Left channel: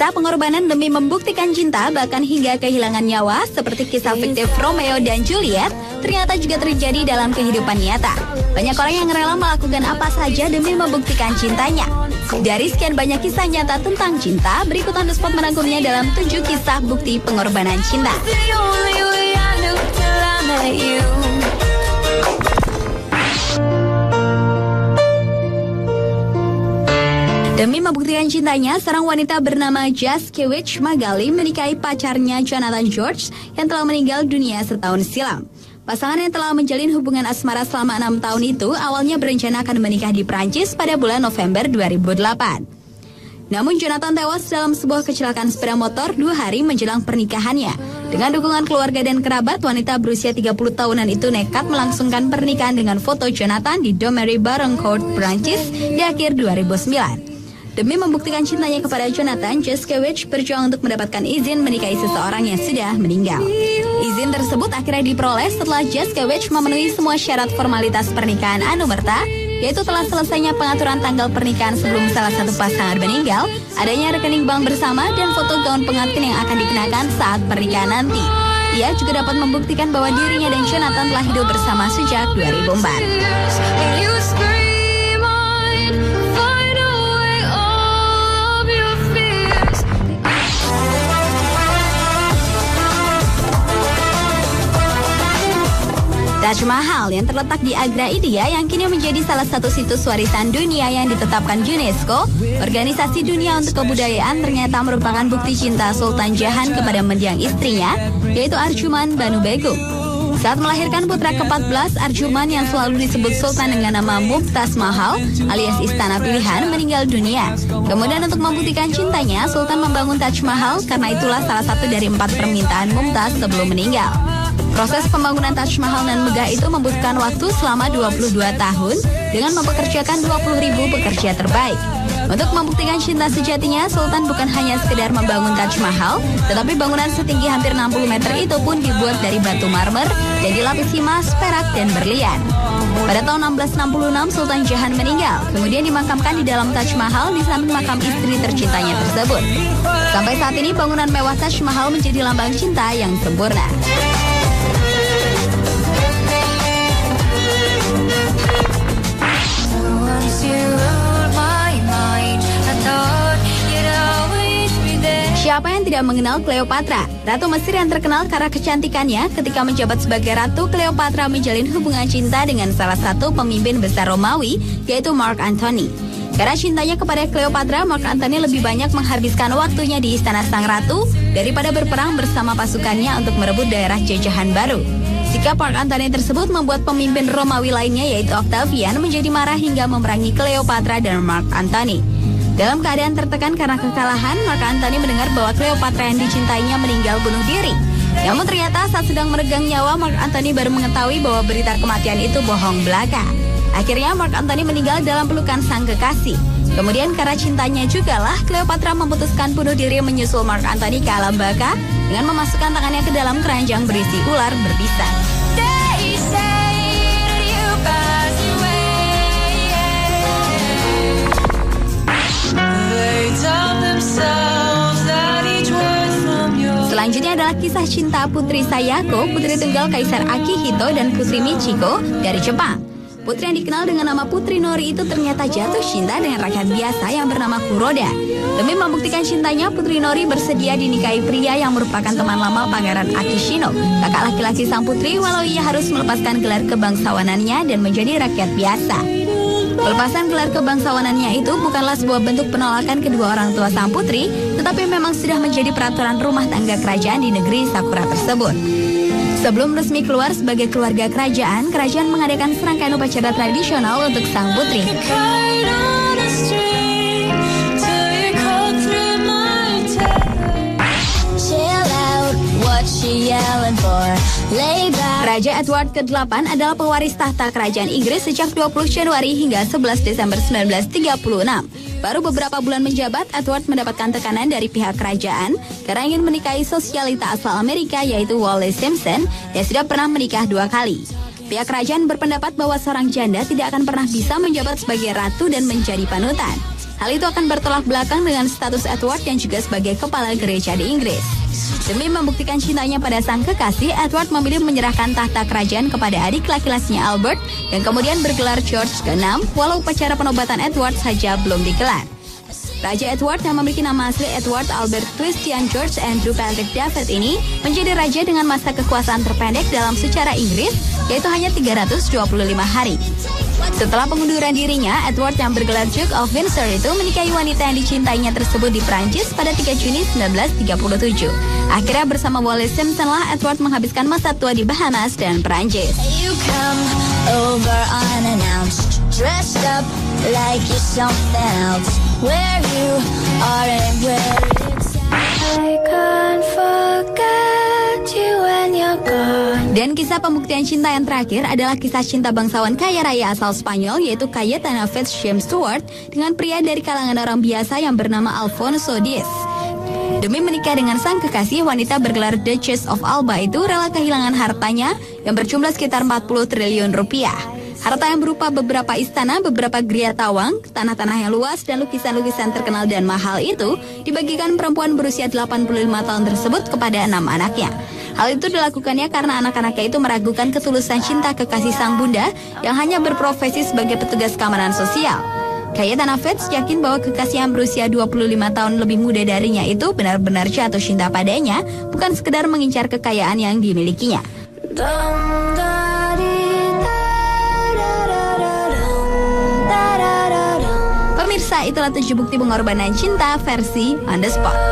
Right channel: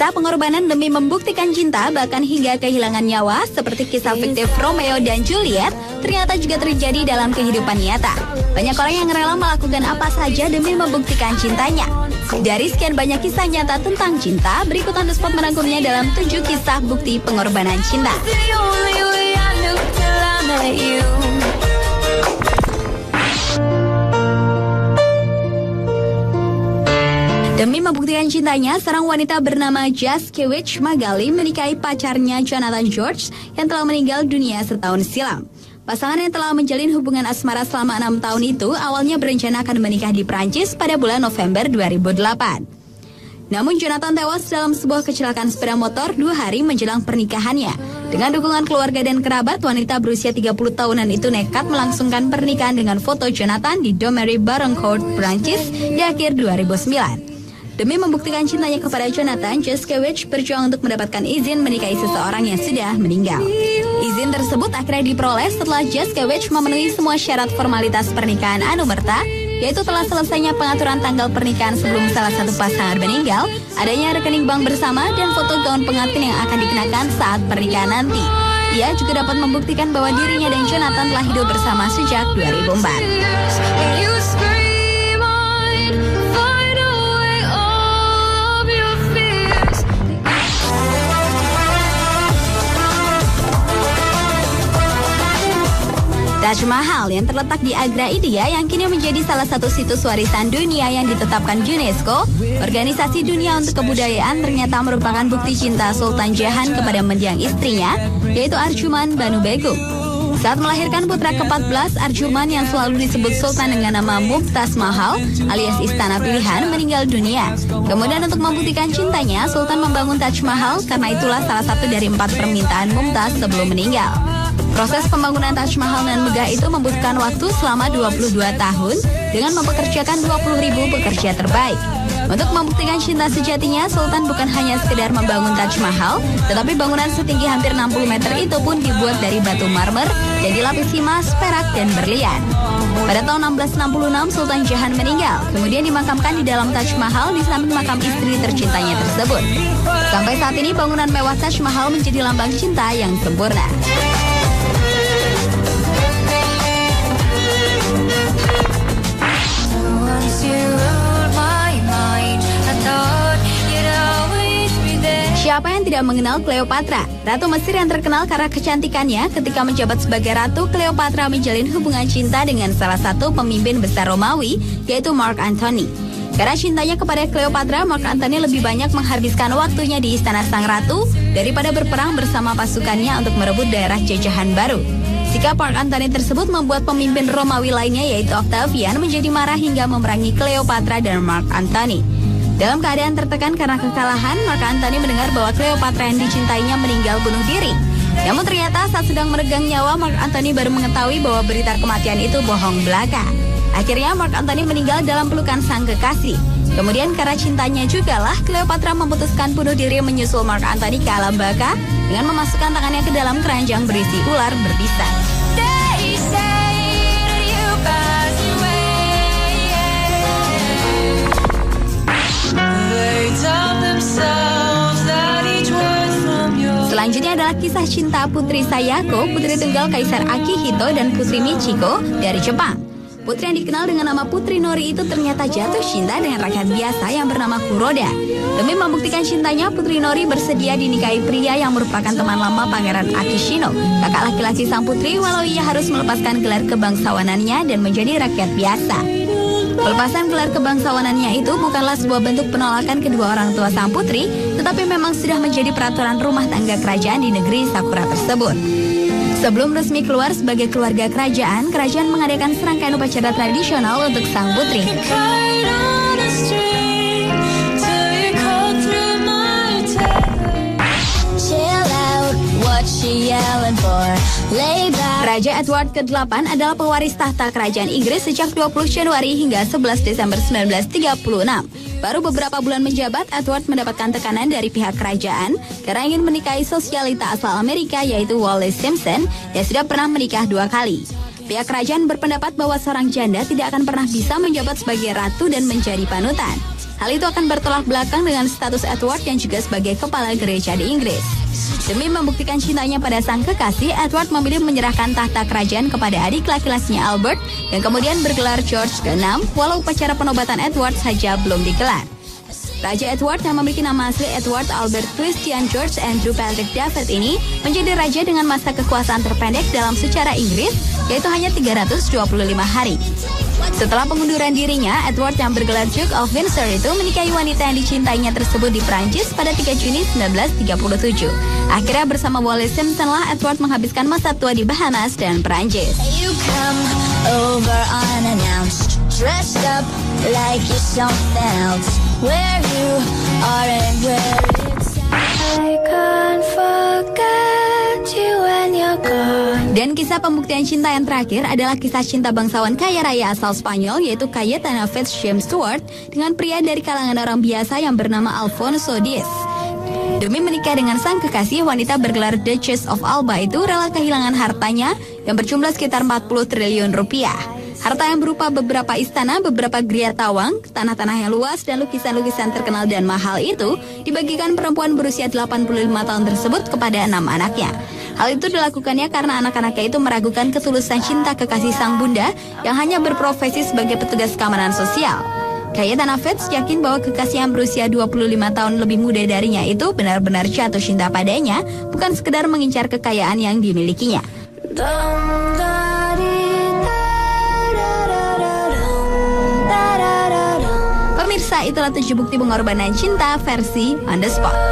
Kisah pengorbanan demi membuktikan cinta bahkan hingga kehilangan nyawa seperti kisah fiktif Romeo dan Juliet ternyata juga terjadi dalam kehidupan nyata. Banyak orang yang rela melakukan apa saja demi membuktikan cintanya. Dari sekian banyak kisah nyata tentang cinta, berikut On The Spot merangkumnya dalam 7 kisah bukti pengorbanan cinta. Demi membuktikan cintanya, seorang wanita bernama Jaskiewicz Magali menikahi pacarnya Jonathan George yang telah meninggal dunia setahun silam. Pasangan yang telah menjalin hubungan asmara selama 6 tahun itu awalnya berencana akan menikah di Prancis pada bulan November 2008. Namun Jonathan tewas dalam sebuah kecelakaan sepeda motor 2 hari menjelang pernikahannya. Dengan dukungan keluarga dan kerabat, wanita berusia 30 tahunan itu nekat melangsungkan pernikahan dengan foto Jonathan di Domery Baroncourt, Prancis di akhir 2009. Demi membuktikan cintanya kepada Jonathan, Jaskiewicz berjuang untuk mendapatkan izin menikahi seseorang yang sudah meninggal. Izin tersebut akhirnya diperoleh setelah Jaskiewicz memenuhi semua syarat formalitas pernikahan anumerta, yaitu telah selesainya pengaturan tanggal pernikahan sebelum salah satu pasangan meninggal, adanya rekening bank bersama, dan foto gaun pengantin yang akan dikenakan saat pernikahan nanti. Ia juga dapat membuktikan bahwa dirinya dan Jonathan telah hidup bersama sejak 2004. Taj Mahal yang terletak di Agra, India yang kini menjadi salah satu situs warisan dunia yang ditetapkan UNESCO, organisasi dunia untuk kebudayaan, ternyata merupakan bukti cinta Sultan Jahan kepada mendiang istrinya, yaitu Arjuman Banu Begum. Saat melahirkan putra ke-14, Arjuman yang selalu disebut Sultan dengan nama Mumtaz Mahal alias Istana Pilihan meninggal dunia. Kemudian untuk membuktikan cintanya, Sultan membangun Taj Mahal karena itulah salah satu dari 4 permintaan Mumtaz sebelum meninggal. Proses pembangunan Taj Mahal dan megah itu membutuhkan waktu selama 22 tahun dengan mempekerjakan 20.000 pekerja terbaik. Untuk membuktikan cinta sejatinya, Sultan bukan hanya sekedar membangun Taj Mahal, tetapi bangunan setinggi hampir 60 meter itu pun dibuat dari batu marmer dan dilapisi emas, perak, dan berlian. Pada tahun 1666, Sultan Jahan meninggal, kemudian dimakamkan di dalam Taj Mahal di samping makam istri tercintanya tersebut. Sampai saat ini, bangunan mewah Taj Mahal menjadi lambang cinta yang sempurna. Siapa yang tidak mengenal Cleopatra? Ratu Mesir yang terkenal karena kecantikannya. Ketika menjabat sebagai ratu, Cleopatra menjalin hubungan cinta dengan salah satu pemimpin besar Romawi, yaitu Mark Antony. Karena cintanya kepada Cleopatra, Mark Antony lebih banyak menghabiskan waktunya di istana sang ratu daripada berperang bersama pasukannya untuk merebut daerah jajahan baru. Sikap Mark Antony tersebut membuat pemimpin Romawi lainnya, yaitu Octavian, menjadi marah hingga memerangi Cleopatra dan Mark Antony. Dalam keadaan tertekan karena kekalahan, Mark Antony mendengar bahwa Cleopatra yang dicintainya meninggal bunuh diri. Namun ternyata saat sedang meregang nyawa, Mark Antony baru mengetahui bahwa berita kematian itu bohong belaka. Akhirnya Mark Antony meninggal dalam pelukan sang kekasih. Kemudian karena cintanya jugalah, Cleopatra memutuskan bunuh diri menyusul Mark Antony ke alam baka dengan memasukkan tangannya ke dalam keranjang berisi ular berbisa. Selanjutnya adalah kisah cinta Putri Sayako, putri tunggal Kaisar Akihito dan Putri Michiko dari Jepang. Putri yang dikenal dengan nama Putri Nori itu ternyata jatuh cinta dengan rakyat biasa yang bernama Kuroda. Demi membuktikan cintanya, Putri Nori bersedia dinikahi pria yang merupakan teman lama Pangeran Akishino, kakak laki-laki sang putri, walau ia harus melepaskan gelar kebangsawanannya dan menjadi rakyat biasa. Pelepasan gelar kebangsawanannya itu bukanlah sebuah bentuk penolakan kedua orang tua sang putri, tetapi memang sudah menjadi peraturan rumah tangga kerajaan di negeri Sakura tersebut. Sebelum resmi keluar sebagai keluarga kerajaan, kerajaan mengadakan serangkaian upacara tradisional untuk sang putri. Raja Edward ke-8 adalah pewaris tahta kerajaan Inggris sejak 20 Januari hingga 11 Desember 1936. Baru beberapa bulan menjabat, Edward mendapatkan tekanan dari pihak kerajaan karena ingin menikahi sosialita asal Amerika, yaitu Wallis Simpson, yang sudah pernah menikah 2 kali. Pihak kerajaan berpendapat bahwa seorang janda tidak akan pernah bisa menjabat sebagai ratu dan menjadi panutan. Hal itu akan bertolak belakang dengan status Edward yang juga sebagai kepala gereja di Inggris. Demi membuktikan cintanya pada sang kekasih, Edward memilih menyerahkan tahta kerajaan kepada adik laki-lakinya Albert yang kemudian bergelar George VI, walau upacara penobatan Edward saja belum digelar. Raja Edward yang memiliki nama asli Edward Albert Christian George Andrew Patrick David ini menjadi raja dengan masa kekuasaan terpendek dalam sejarah Inggris, yaitu hanya 325 hari. Setelah pengunduran dirinya, Edward yang bergelar Duke of Windsor itu menikahi wanita yang dicintainya tersebut di Prancis pada 3 Juni 1937. Akhirnya bersama Wallis Simpson lah Edward menghabiskan masa tua di Bahamas dan Prancis. Dan kisah pembuktian cinta yang terakhir adalah kisah cinta bangsawan kaya raya asal Spanyol, yaitu Cayetana Fitzjames Stewart dengan pria dari kalangan orang biasa yang bernama Alfonso Diaz. Demi menikah dengan sang kekasih, wanita bergelar Duchess of Alba itu rela kehilangan hartanya yang berjumlah sekitar 40 triliun rupiah. Harta yang berupa beberapa istana, beberapa geria tawang, tanah-tanah yang luas, dan lukisan-lukisan terkenal dan mahal itu dibagikan perempuan berusia 85 tahun tersebut kepada 6 anaknya. Hal itu dilakukannya karena anak-anaknya itu meragukan ketulusan cinta kekasih sang bunda yang hanya berprofesi sebagai petugas keamanan sosial. Cayetana Fitz yakin bahwa kekasih yang berusia 25 tahun lebih muda darinya itu benar-benar jatuh cinta padanya, bukan sekedar mengincar kekayaan yang dimilikinya. Pemirsa, itulah 7 bukti pengorbanan cinta versi On The Spot.